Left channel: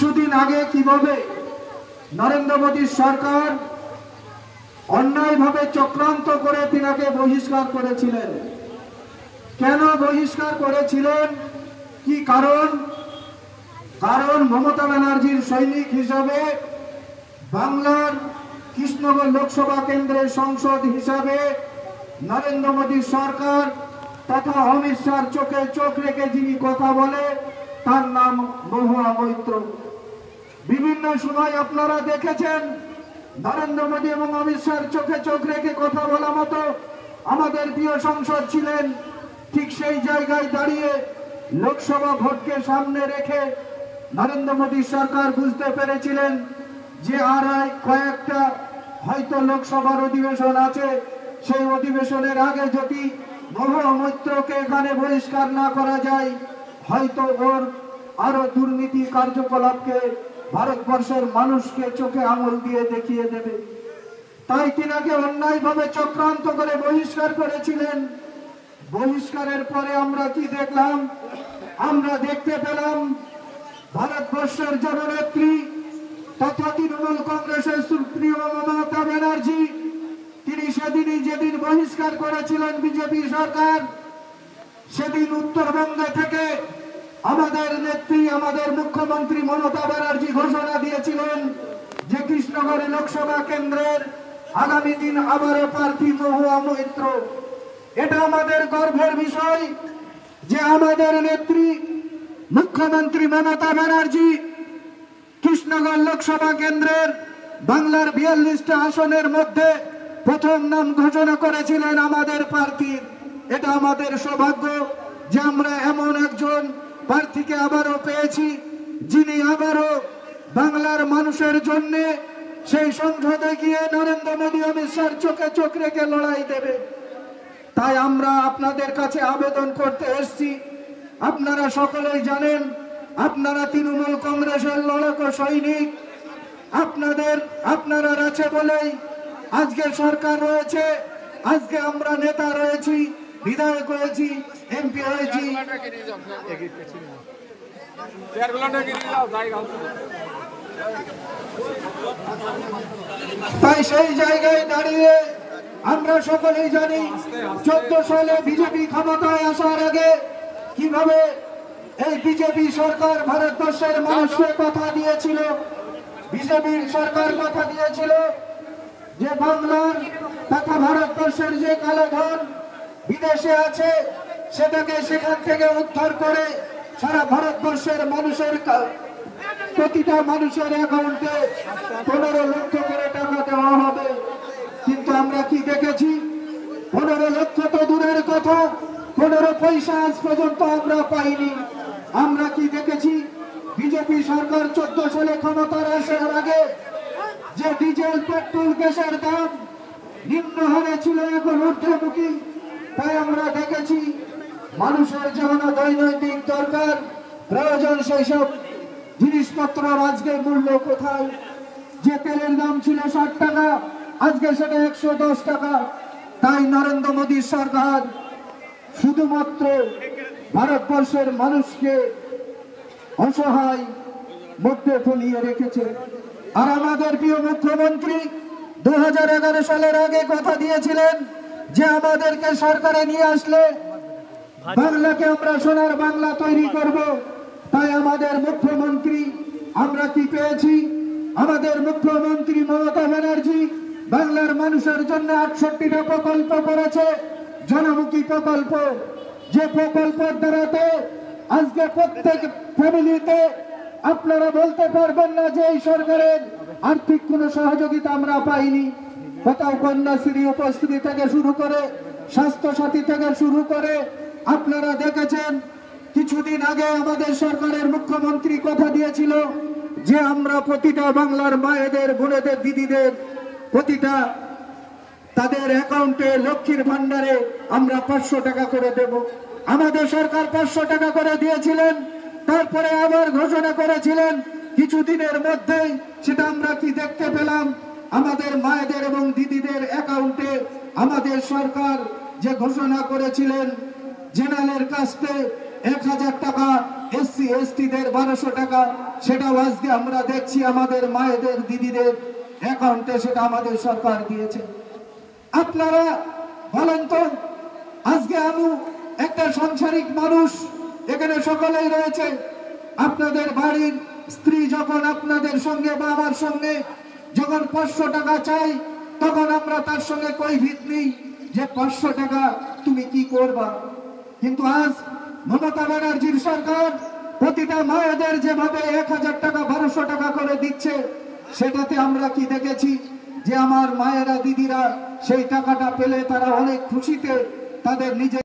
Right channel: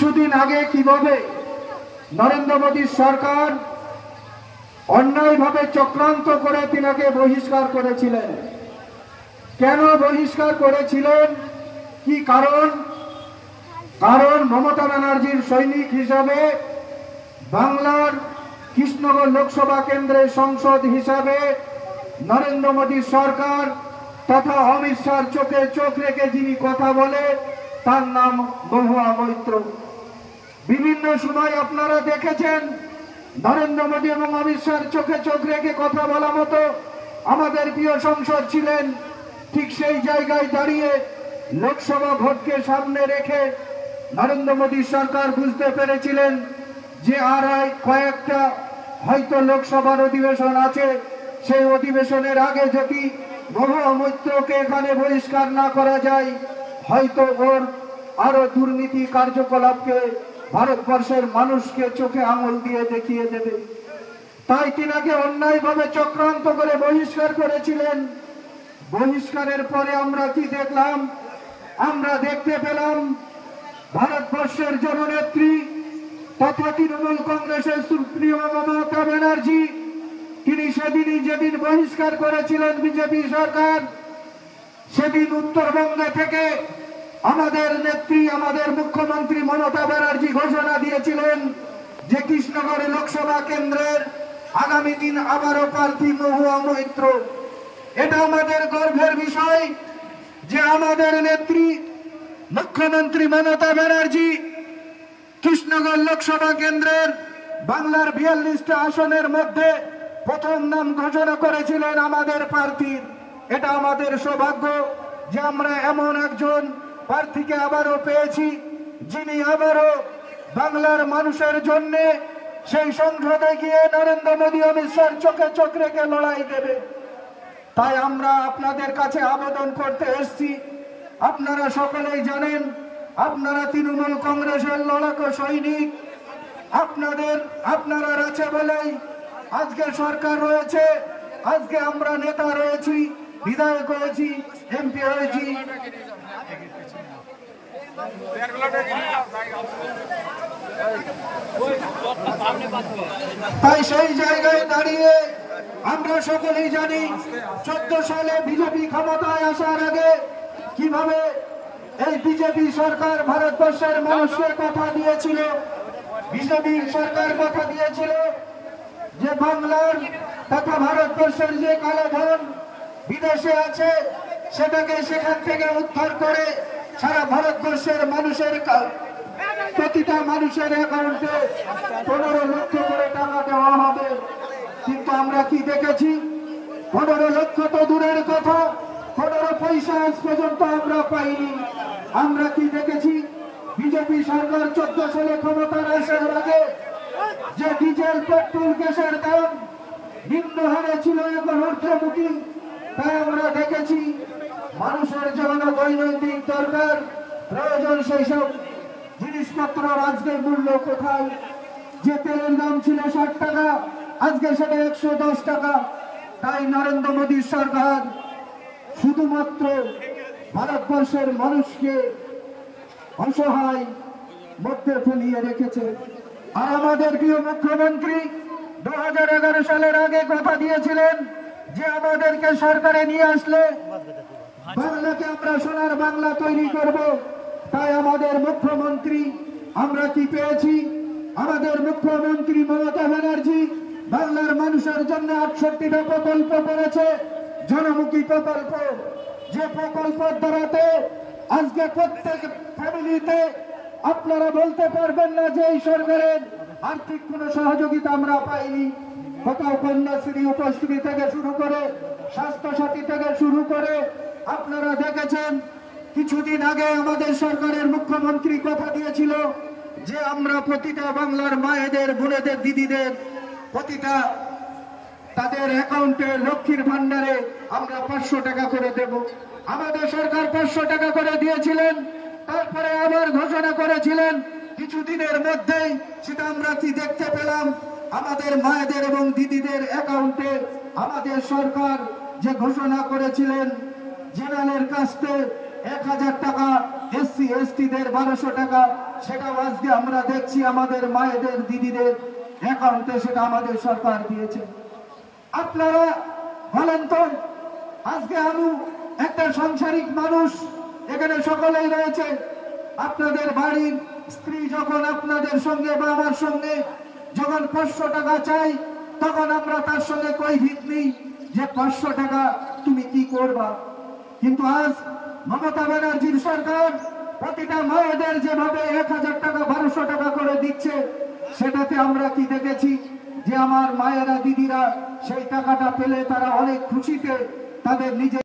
কিছুদিন আগে কিভাবে নরেন্দ্র মোদী সরকার অন্যায়ভাবে চক্রান্ত করে তিনাকে বহিষ্কার করেছিলেন। কেন বহিষ্কার করেছিলেন, কি কারণ? কারণ মমতা ব্যানার্জির সৈনিক হিসেবে বাংলার কৃষ্ণনগর লোকসভা কেন্দ্রের সংসদ হিসাবে নরেন্দ্র মোদী সরকার তথা অমিত শাহর চোখে চোখ রেখে যিনি কথা বলে তার নাম মহুয়া মৈত্র। বিভিন্ন সময় আপনারা দেখেছেন নরেন্দ্র মোদী এবং অমিত শাহর চোখে চোখ রেখে কথা বলা মতো আমাদের প্রিয় সংসদ ছিলেন। ঠিক সেই জায়গায় দাঁড়িয়ে লোকসভা ভোটকে সামনে রেখে নরেন্দ্র মোদী সরকার বুঝতে পেরেছিলেন যে আর কয়েকটা হয়তো লোকসভার অধিবেশন আছে, সেই অধিবেশনের আগে যদি মহুয়া মৈত্রকে এখানে বহিষ্কার না করা যায় হয়তো ওর আরো দুর্নীতি কার্যকলাপকে ভারতবর্ষের মানুষকে চোখে আঙুল দিয়ে দেখিয়ে দেবে। তাই তিনাকে অন্যায়ভাবে চক্রান্ত করে বহিষ্কার করেছিলেন। বহিষ্কারের পরে আমরা কি দেখলাম? আমরা দেখতে পেলাম ভারতবর্ষের জননেত্রী তথা তৃণমূল কংগ্রেসের সুপ্রিয় মমতা ব্যানার্জি, তিনি সেদিনই যেদিন বহিষ্কার করেছিলেন বিজেপি সরকার, সেদিন উত্তরবঙ্গে থেকে আমাদের নেত্রী আমাদের মুখ্যমন্ত্রী মমতা ব্যানার্জি ঘোষণা দিয়েছিলেন যে কৃষ্ণনগর লোকসভা কেন্দ্রের আগামী দিন আবারও প্রার্থী মহুয়া মৈত্র। এটা আমাদের গর্বের বিষয় যে আমাদের নেত্রী মুখ্যমন্ত্রী মমতা ব্যানার্জি কৃষ্ণনগর লোকসভা কেন্দ্রের বাংলার 42টা আসনের মধ্যে প্রথম নাম ঘোষণা করেছিলেন আমাদের প্রার্থীর। এটা আমাদের সৌভাগ্য যে আমরা এমন একজন প্রার্থীকে আবারও পেয়েছি যিনি আবারও বাংলার মানুষের জন্য সেই সংসদে গিয়ে নরেন্দ্র মোদী অমিত শাহর চোখে চোখ রেখে লড়াই দেবে। তাই আমরা আপনাদের কাছে আবেদন করতে এসেছি। আপনারা সকলেই জানেন আপনারা তৃণমূল কংগ্রেসের লড়াকু সৈনিক, আপনারা আছে বলেই আজকে সরকার রয়েছে, আজকে আমরা নেতা রয়েছি, বিধায়ক হয়েছি, এমপি হয়েছি। তাই সেই জায়গায় দাঁড়িয়ে আমরা সকলেই জানি 14 সালে বিজেপি ক্ষমতায় আসার আগে কিভাবে এই বিজেপি সরকার ভারতবর্ষের মানুষকে কথা দিয়েছিল। বিজেপি সরকার কথা দিয়েছিল যে বাংলার তথা ভারতবর্ষের যে কালোধন বিদেশে আছে সেটাকে সেখান থেকে উদ্ধার করে সারা ভারতবর্ষের মানুষের প্রতিটা মানুষের অ্যাকাউন্টে 15 লক্ষ করে টাকা দেওয়া হবে। কিন্তু আমরা কি দেখেছি? 15 লক্ষ তো দূরের কথা, 15 পয়সা আজ পর্যন্ত আমরা পাইনি। আমরা কি দেখেছি? বিজেপি সরকার 14 সালে ক্ষমতার আসার আগে যে ডিজেল পেট্রোল গ্যাসের দাম নিম্ন হারে ছিল এখন ঊর্ধ্বমুখী। তাই আমরা দেখেছি মানুষের যেমন দৈনন্দিন দরকার প্রয়োজন সেই সব জিনিসপত্র আজকে মূল্য কোথায়? যে তেলের দাম ছিল 60 টাকা আজকে সেটা 110 টাকা। তাই নরেন্দ্র মোদী সরকার শুধুমাত্র ভারতবর্ষের মানুষকে অসহায় মধ্যে ফেলিয়ে রেখেছে। আর আমাদের প্রিয় মুখ্যমন্ত্রী 2011 সালের আগে কথা দিয়েছিলেন যে আমাদেরকে সরকারে নিয়ে আসলে বাংলাকে আমরা সোনার বাংলা তৈরি করব। তাই আমাদের মুখ্যমন্ত্রী আমরা কি পেয়েছি? আমাদের মুখ্যমন্ত্রী মমতা ব্যানার্জি বাংলার মানুষের জন্য 68টা প্রকল্প করেছে, জনমুখী প্রকল্প। যে প্রকল্পের দ্বারাতে আজকে প্রত্যেক ফ্যামিলিতে আপনারা বলতে পারবেন না যে এই সরকারের আর্থিক কোনো সহযোগিতা আমরা পাইনি। কোথাও কন্যাশ্রী উপশ্রী থেকে শুরু করে স্বাস্থ্য সাথী থেকে শুরু করে আপনারা দেখেছেন কিছুদিন আগে আমাদের সরকারের মুখ্যমন্ত্রী কথা দিয়েছিল যে আমরা প্রতিটা বাংলার মায়েদের, বোনেদের, দিদিদের প্রতিটা তাদের অ্যাকাউন্টে লক্ষ্মীর ভান্ডারে আমরা 500 টাকা করে দেব। আমাদের সরকার 500 টাকা করে দিয়েছিলেন, তারপরে আবার ঘোষণা করেছিলেন কিছুদিনের মধ্যেই সেটা আমরা কি দেখতে পেলাম? আমাদের মায়েদের এবং দিদিদের অ্যাকাউন্টে আমাদের সরকার যে ঘোষণা করেছিলেন জেনারেল কাস্টে 1000 টাকা, এসসি এসটিদের 1200 টাকা, সেটাও আজকে আমরা দেখছি আমাদের মায়েদের দিদিদের অ্যাকাউন্টে সেটা আমাদের সরকার দিয়েছে। আপনারা বলেন তো, আজকে আমি একটা সাংসারিক মানুষ, এখানে সকলেই রয়েছে, আপনাদের বাড়ির স্ত্রী যখন আপনাদের সঙ্গে বা আমার সঙ্গে যখন 500 টাকা চাই, তখন আমরা তার সঙ্গে কৈফিয়ত নিই যে 500 টাকা তুমি কি করবা। কিন্তু আজ মমতা ব্যানার্জির সরকার প্রতিটা মায়েদের যেভাবে 1000 টাকা 1200 টাকা করে দিচ্ছে, সেটাতে আমরা কি দেখেছি যে আমার মায়েরা দিদিরা সেই টাকাটা পেলে তারা অনেক খুশিতে তাদের নিজের